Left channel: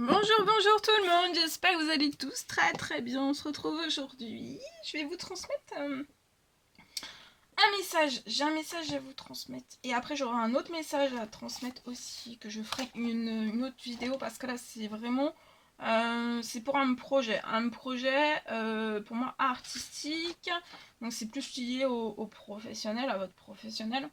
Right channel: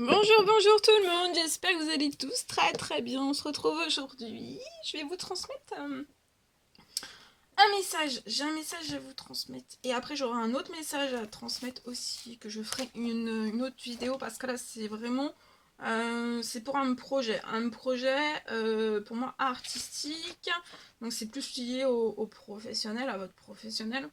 Bonjour, bonjour tout le monde, j'espère que vous allez tous très très bien. On se retrouve aujourd'hui. Je vais vous transmettre un message. J'ai un message à vous transmettre. Et après j'aurai un autre message à transmettre aussi, que je ferai une autre vidéo parce que là c'est vraiment... c'est pour un projet. Un projet pour moi artistique. Donc c'est plus lié au professionnel, à votre professionnel.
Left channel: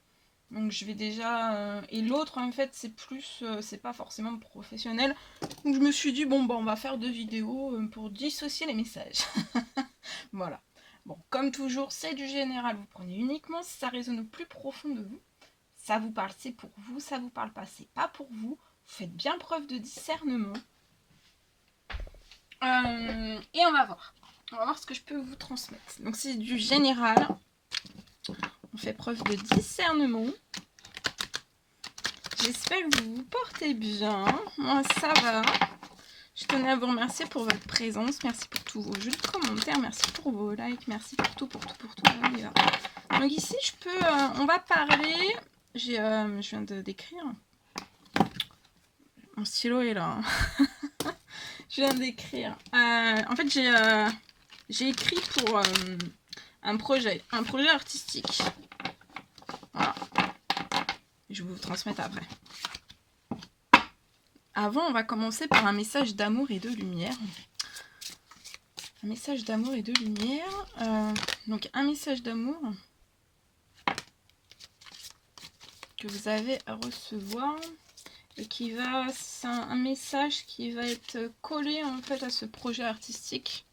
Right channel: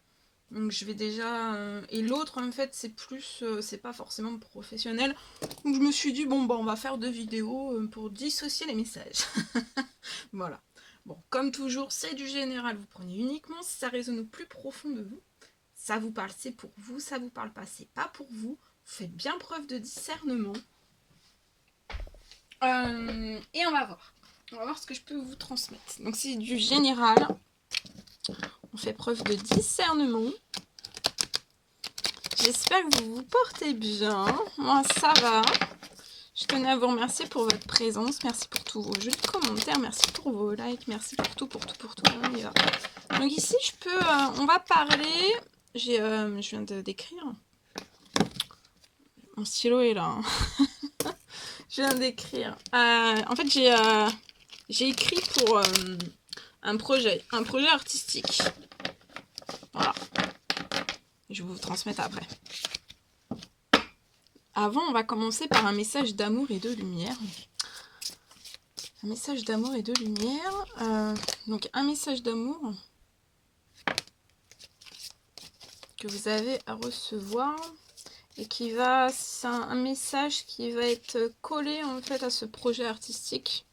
Donc je vais déjà... et l'autre en fait c'est plus... c'est pas forcément professionnel. Donc je me suis dit bon bah on va faire 2 vidéos pour dissocier les messages. Voilà. Bon, comme toujours, c'est du général, vous prenez uniquement si ça résonne au plus profond de vous. Ça vous parle, c'est pour vous, ça vous parle pas, c'est pas pour vous. Vous faites bien preuve de discernement. Et on va voir. On va voir ce que je peux vous transmettre. Donc c'est du général. On fait preuve de discernement. J'espère que vous vous portez bien. Moi, ça va. Je tenais à vous remercier pour votre présence. Merci pour tous vos jolis commentaires. Merci pour vos likes. Merci pour tout, pour tout, pour tout. On y va. Donc ici, je peux... on va parler... je viens d'écrire. Mon stylo est là. Je viens d'écrire. En fait, j'ai écrit pour un projet artistique. Voilà. Je vais vous transmettre après. Avant, on va commencer par un message d'amour et de lumière. Un message d'amour et de lumière. Donc, un message d'amour que vous avez à recevoir et qui va... C'est un message qui va être collé en fait à ce projet artistique.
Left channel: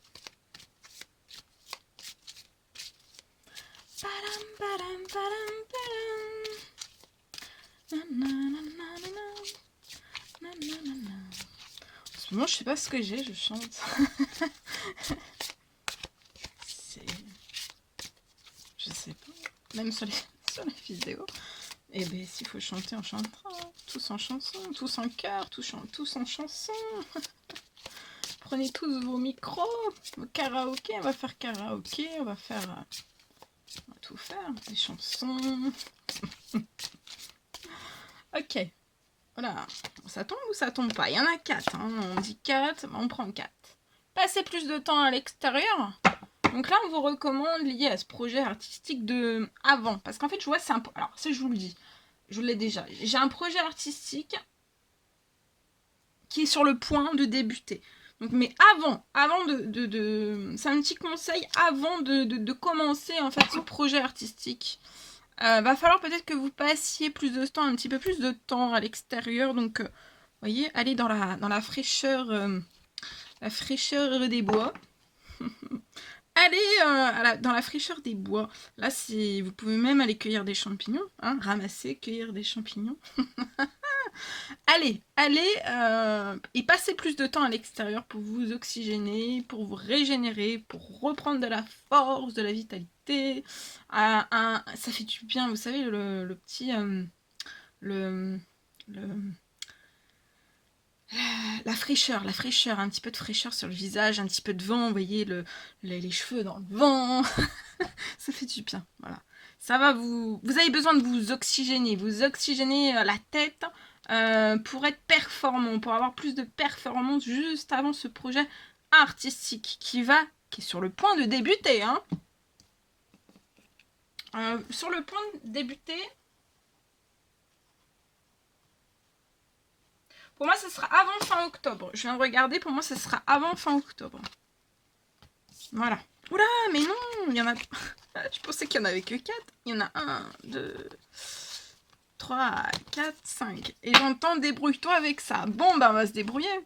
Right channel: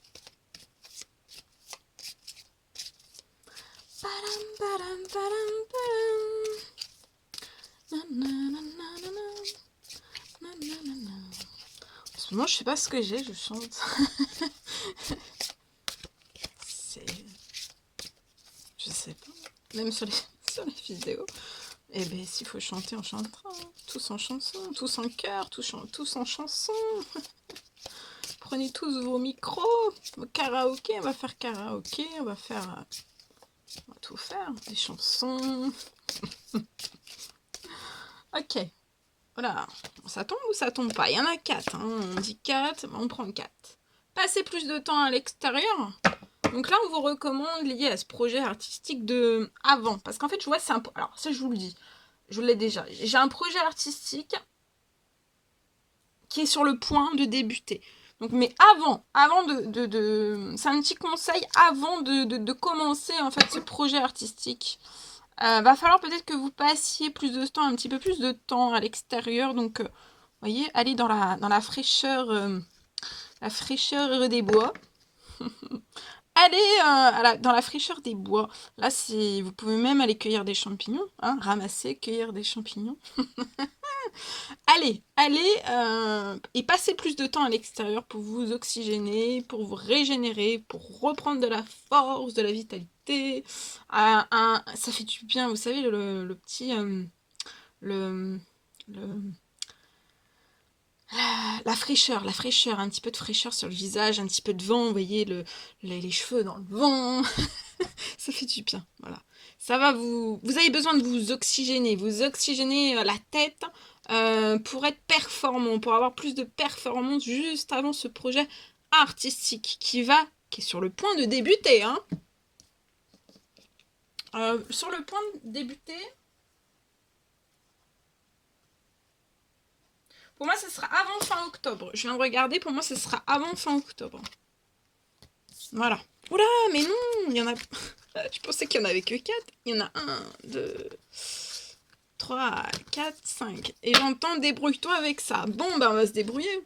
En ce moment, je sais pas ce que j'ai, je chante. Je sais pas. Même sur les vidéos. Eh ben, s'il faut chanter, on chantera. Tous en chanson, tous en chœur, tous en chanson. Prenez tous vos micros, vos karaokés. On va faire karaoké, on va tout faire. Des chansons. Ok. Voilà. Ça tombe ou ça tombe pas? Il y en a 4. Hein. On dit 4, on prend 4. Passez plus de temps à l'extérieur. Donc là, on vous recommande lié à ce projet artistique de avant. Parce qu'en fait, je vois, c'est un... Alors, ça, je vous le dis. Je l'ai déjà. J'ai un projet artistique qui est sur le point de débuter. Donc, mais avant de c'est un petit conseil avant de commencer en fait ce projet artistique. Va falloir peut-être que vous passiez plus de temps, un petit peu plus de temps à l'extérieur. Donc, vous voyez, allez dans la fraîcheur des bois. Allez dans la fraîcheur des bois. Là, vous pouvez même aller cueillir des champignons, hein, ramasser, cueillir des champignons. Allez, et passez plus de temps à l'extérieur pour vous oxygéner, pour vous régénérer, pour reprendre de la force, de la vitalité. Ça fait du bien, vous savez, le petit... la fraîcheur, un petit peu de fraîcheur sur le visage, un petit peu de vent, vous voyez, les cheveux dans le vent. Ça fait du bien, voilà. Ça va vous avez besoin de vous oxygéner la tête pour être performant, pour avoir plus de performance juste avant ce projet artistique qui est sur le point de débuter. Hein. Sur le point de débuter, pour moi, ce sera avant fin octobre. Je viens de regarder, pour moi, ce sera avant fin octobre. Voilà. Oula, mais non, il y en a... Je pensais qu'il n'y en avait que 4. Il y en a 1, 2, 3, 4, 5. Et j'entends débrouille-toi avec ça. Bon, ben on va se débrouiller.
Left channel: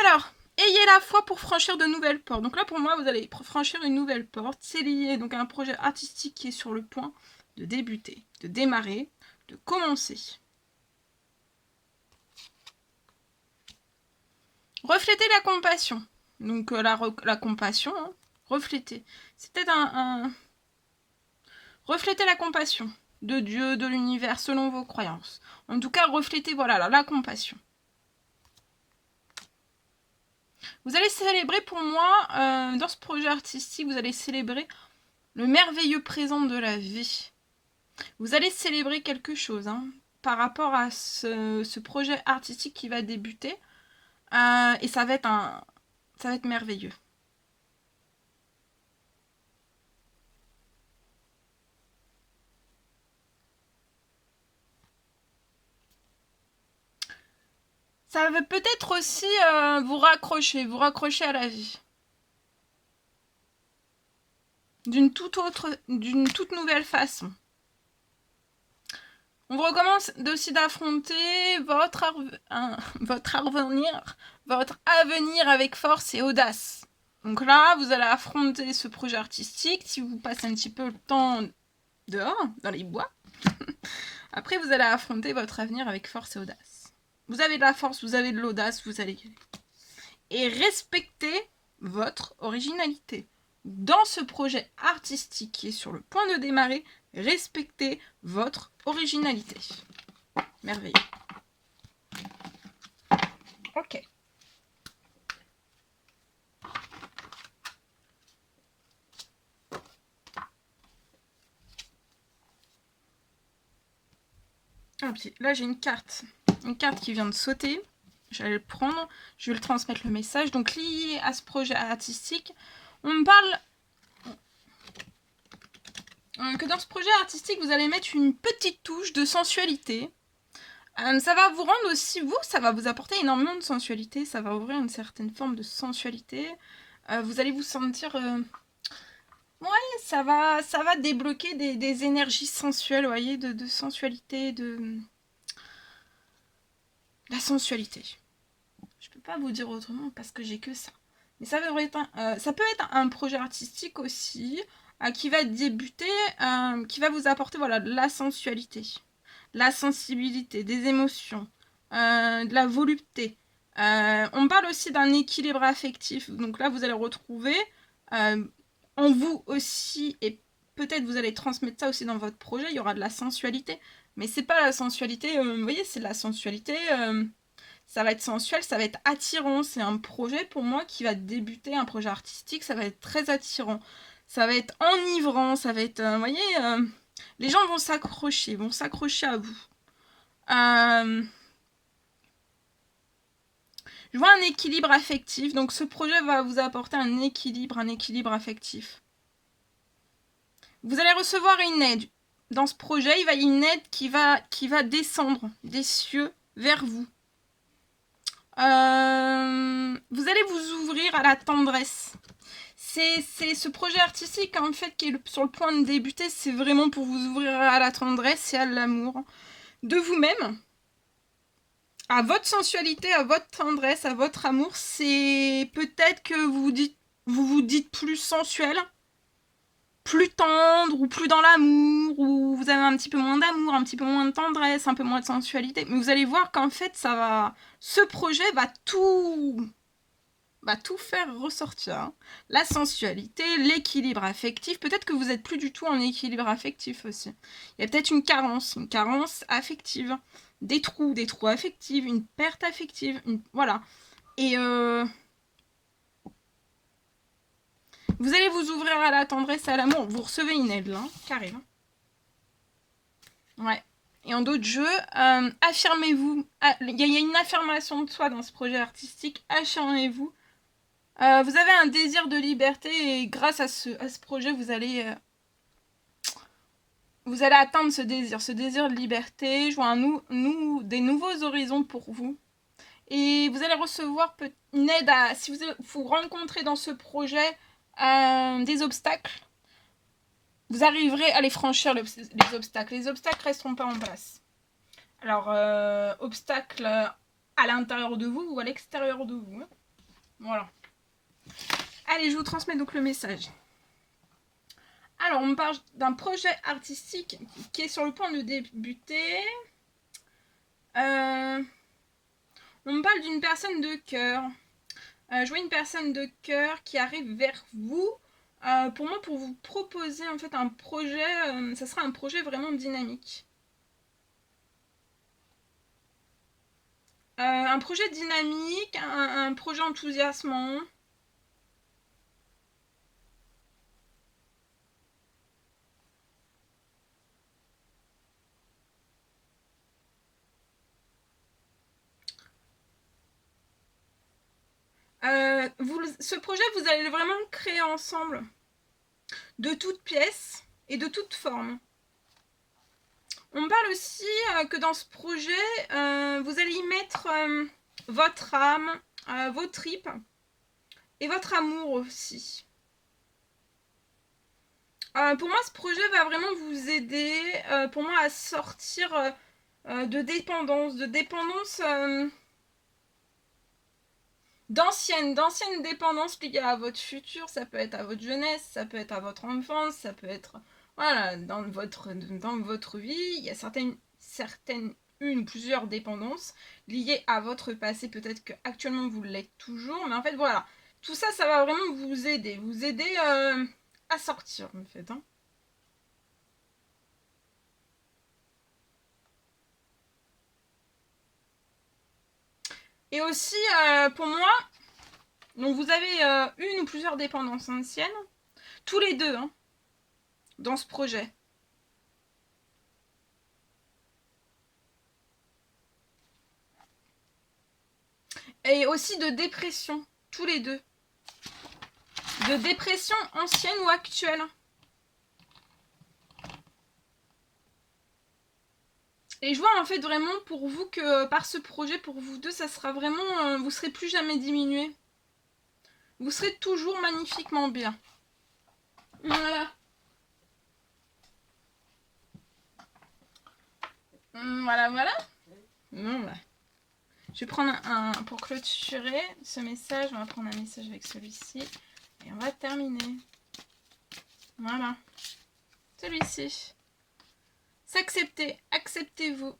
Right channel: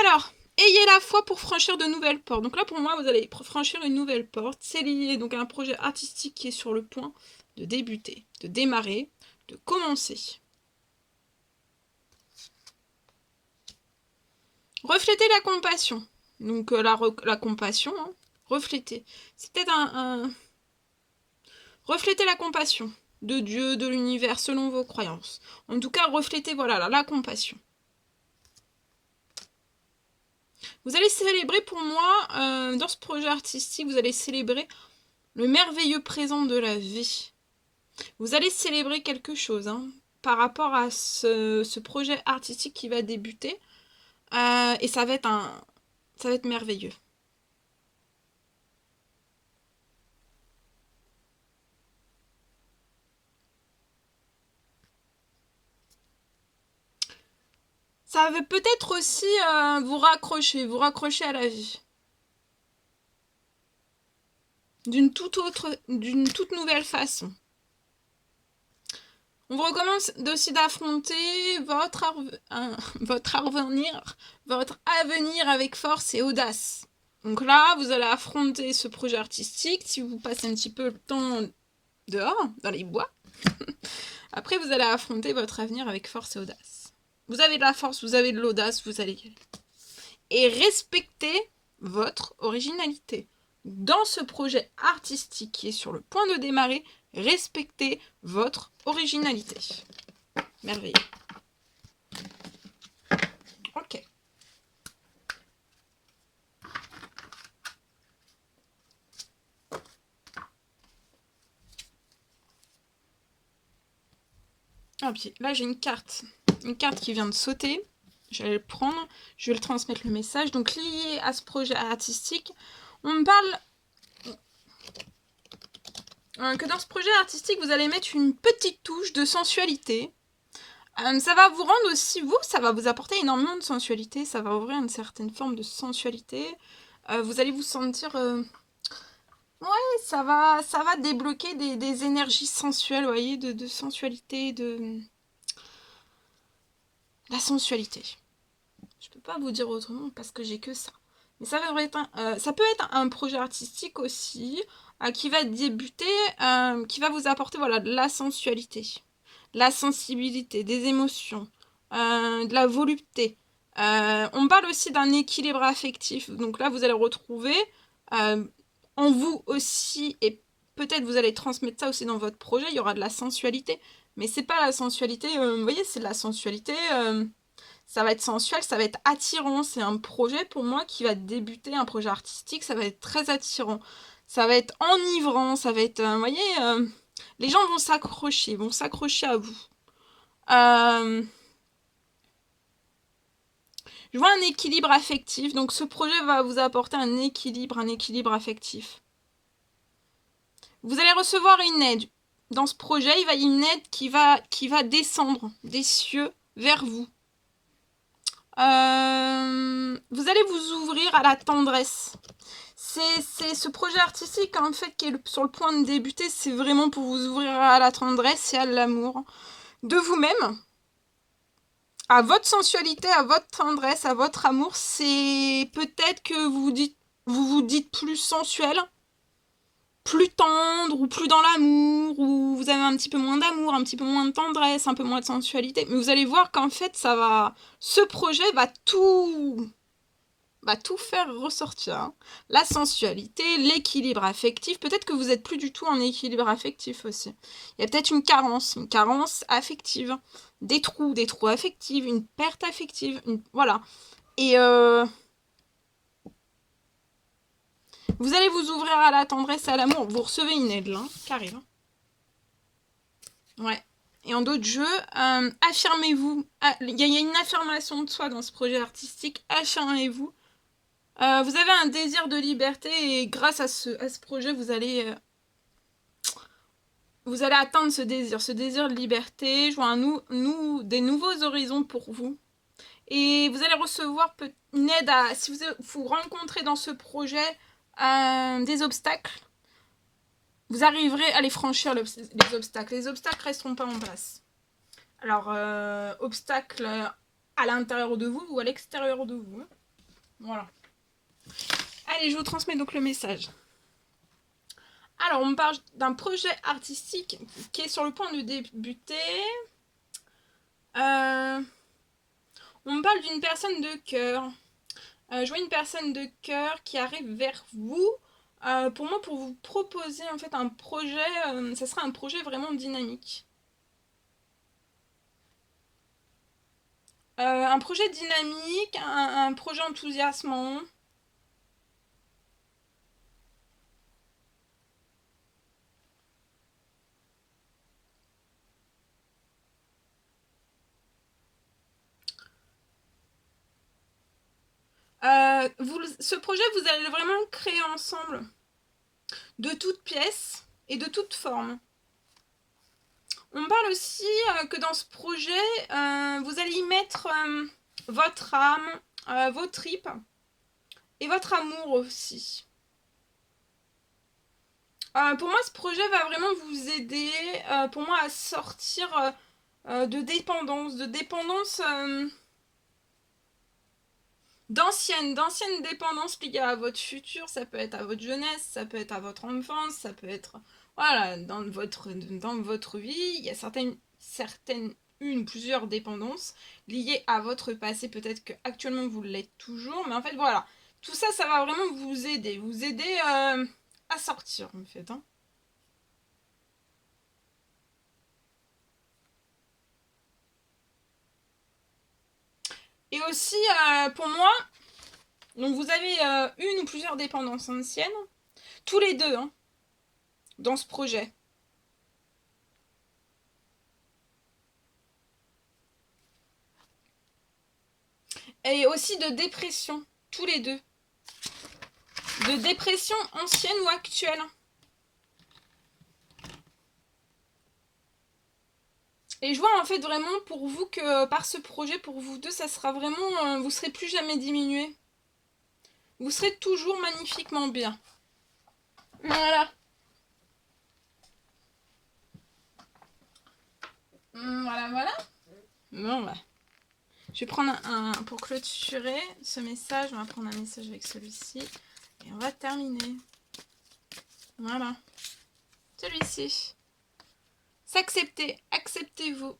Alors, ayez la foi pour franchir de nouvelles portes. Donc là, pour moi, vous allez franchir une nouvelle porte. C'est lié donc à un projet artistique qui est sur le point de débuter, de démarrer, de commencer. Reflétez la compassion. Donc la compassion, hein, reflétez. C'est peut-être reflétez la compassion de Dieu, de l'univers, selon vos croyances. En tout cas, reflétez, voilà, la compassion. Vous allez célébrer, pour moi, dans ce projet artistique, vous allez célébrer le merveilleux présent de la vie. Vous allez célébrer quelque chose, hein, par rapport à ce projet artistique qui va débuter. Et ça va être merveilleux. Ça veut peut-être aussi vous raccrocher à la vie. D'une toute nouvelle façon. On vous recommence aussi d'affronter votre avenir avec force et audace. Donc là, vous allez affronter ce projet artistique si vous passez un petit peu le temps dehors, dans les bois. Après, vous allez affronter votre avenir avec force et audace. Vous avez de la force, vous avez de l'audace, vous allez y aller. Et respectez votre originalité. Dans ce projet artistique qui est sur le point de démarrer, respectez votre originalité. Merveilleux. Ok. Ah, puis là, j'ai une carte qui vient de sauter. Je vais le prendre, je vais le transmettre le message. Donc, lié à ce projet artistique, on me parle que dans ce projet artistique, vous allez mettre une petite touche de sensualité. Ça va vous rendre aussi, ça va vous apporter énormément de sensualité, ça va ouvrir une certaine forme de sensualité. Vous allez vous sentir... ouais, ça va débloquer des énergies sensuelles, vous voyez, de sensualité, de... La sensualité. Je peux pas vous dire autrement parce que j'ai que ça. Mais ça peut être un projet artistique aussi qui va débuter, qui va vous apporter voilà, de la sensualité, la sensibilité, des émotions, de la volupté. On parle aussi d'un équilibre affectif. Donc là, vous allez retrouver en vous aussi, et peut-être vous allez transmettre ça aussi dans votre projet, il y aura de la sensualité. Mais c'est pas la sensualité, vous voyez, c'est de la sensualité... ça va être sensuel, ça va être attirant. C'est un projet pour moi qui va débuter, un projet artistique, ça va être très attirant. Ça va être enivrant, ça va être... vous voyez, les gens vont s'accrocher à vous. Je vois un équilibre affectif, donc ce projet va vous apporter un équilibre affectif. Vous allez recevoir une aide. Dans ce projet, il y a une aide qui va descendre des cieux vers vous. Vous allez vous ouvrir à la tendresse. C'est ce projet artistique en fait qui est sur le point de débuter, c'est vraiment pour vous ouvrir à la tendresse et à l'amour de vous-même, à votre sensualité, à votre tendresse, à votre amour. C'est peut-être que vous vous dites plus sensuel, plus tendre, ou plus dans l'amour, ou vous avez un petit peu moins d'amour, un petit peu moins de tendresse, un peu moins de sensualité. Mais vous allez voir qu'en fait, ce projet va tout faire ressortir. Hein. La sensualité, l'équilibre affectif. Peut-être que vous n'êtes plus du tout en équilibre affectif aussi. Il y a peut-être une carence affective. Des trous affectifs, une perte affective. Voilà. Et vous allez vous ouvrir à la tendresse et à l'amour. Vous recevez une aide là, carré. Ouais. Et en d'autres jeux, affirmez-vous. Il y a une affirmation de soi dans ce projet artistique. Affirmez-vous. Vous avez un désir de liberté et grâce à ce projet, vous allez atteindre ce désir de liberté. Je vois des nouveaux horizons pour vous. Et vous allez recevoir une aide si vous rencontrez dans ce projet des obstacles, vous arriverez à les franchir, les obstacles. Les obstacles resteront pas en place. Alors, obstacles à l'intérieur de vous ou à l'extérieur de vous. Hein. Voilà. Allez, je vous transmets donc le message. Alors, on me parle d'un projet artistique qui est sur le point de débuter. On me parle d'une personne de cœur. Je vois une personne de cœur qui arrive vers vous. Pour moi, pour vous proposer en fait un projet, ça sera un projet vraiment dynamique. Un projet dynamique, un projet enthousiasmant. Ce projet, vous allez vraiment le créer ensemble, de toutes pièces et de toutes formes. On parle aussi que dans ce projet, vous allez y mettre votre âme, vos tripes et votre amour aussi. Pour moi, ce projet va vraiment vous aider, pour moi, à sortir de dépendance, d'anciennes dépendances liées à votre futur. Ça peut être à votre jeunesse, ça peut être à votre enfance, ça peut être, voilà, dans votre vie, il y a plusieurs dépendances liées à votre passé. Peut-être que actuellement vous l'êtes toujours, mais en fait, voilà, tout ça, ça va vraiment vous aider à sortir, en fait, hein. Et aussi, pour moi, donc vous avez une ou plusieurs dépendances anciennes, tous les deux, hein, dans ce projet. Et aussi de dépression, tous les deux. De dépression ancienne ou actuelle. Et je vois en fait vraiment pour vous que par ce projet, pour vous deux, ça sera vraiment... vous serez plus jamais diminué. Vous serez toujours magnifiquement bien. Voilà. Voilà, voilà. Bon, bah. Je vais prendre pour clôturer ce message, on va prendre un message avec celui-ci. Et on va terminer. Voilà. Celui-ci. S'accepter. Acceptez-vous.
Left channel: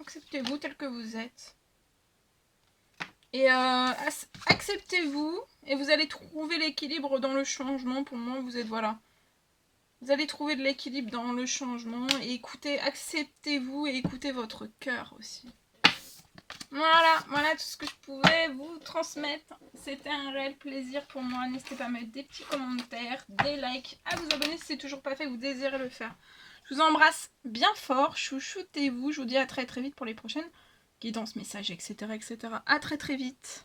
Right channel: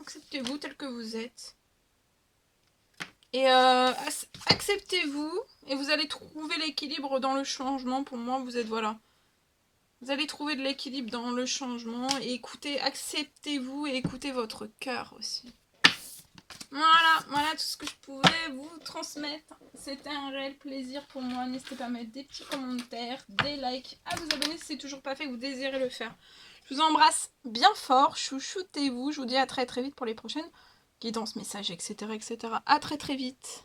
Acceptez-vous tel que vous êtes. Et acceptez-vous. Et vous allez trouver l'équilibre dans le changement. Pour moi, vous êtes, voilà. Vous allez trouver de l'équilibre dans le changement. Et écoutez, acceptez-vous et écoutez votre cœur aussi. Voilà tout ce que je pouvais vous transmettre. C'était un réel plaisir pour moi. N'hésitez pas à mettre des petits commentaires, des likes, à vous abonner si c'est toujours pas fait, vous désirez le faire. Je vous embrasse bien fort, chouchoutez-vous. Je vous dis à très très vite pour les prochaines guidances, messages, etc. À très très vite.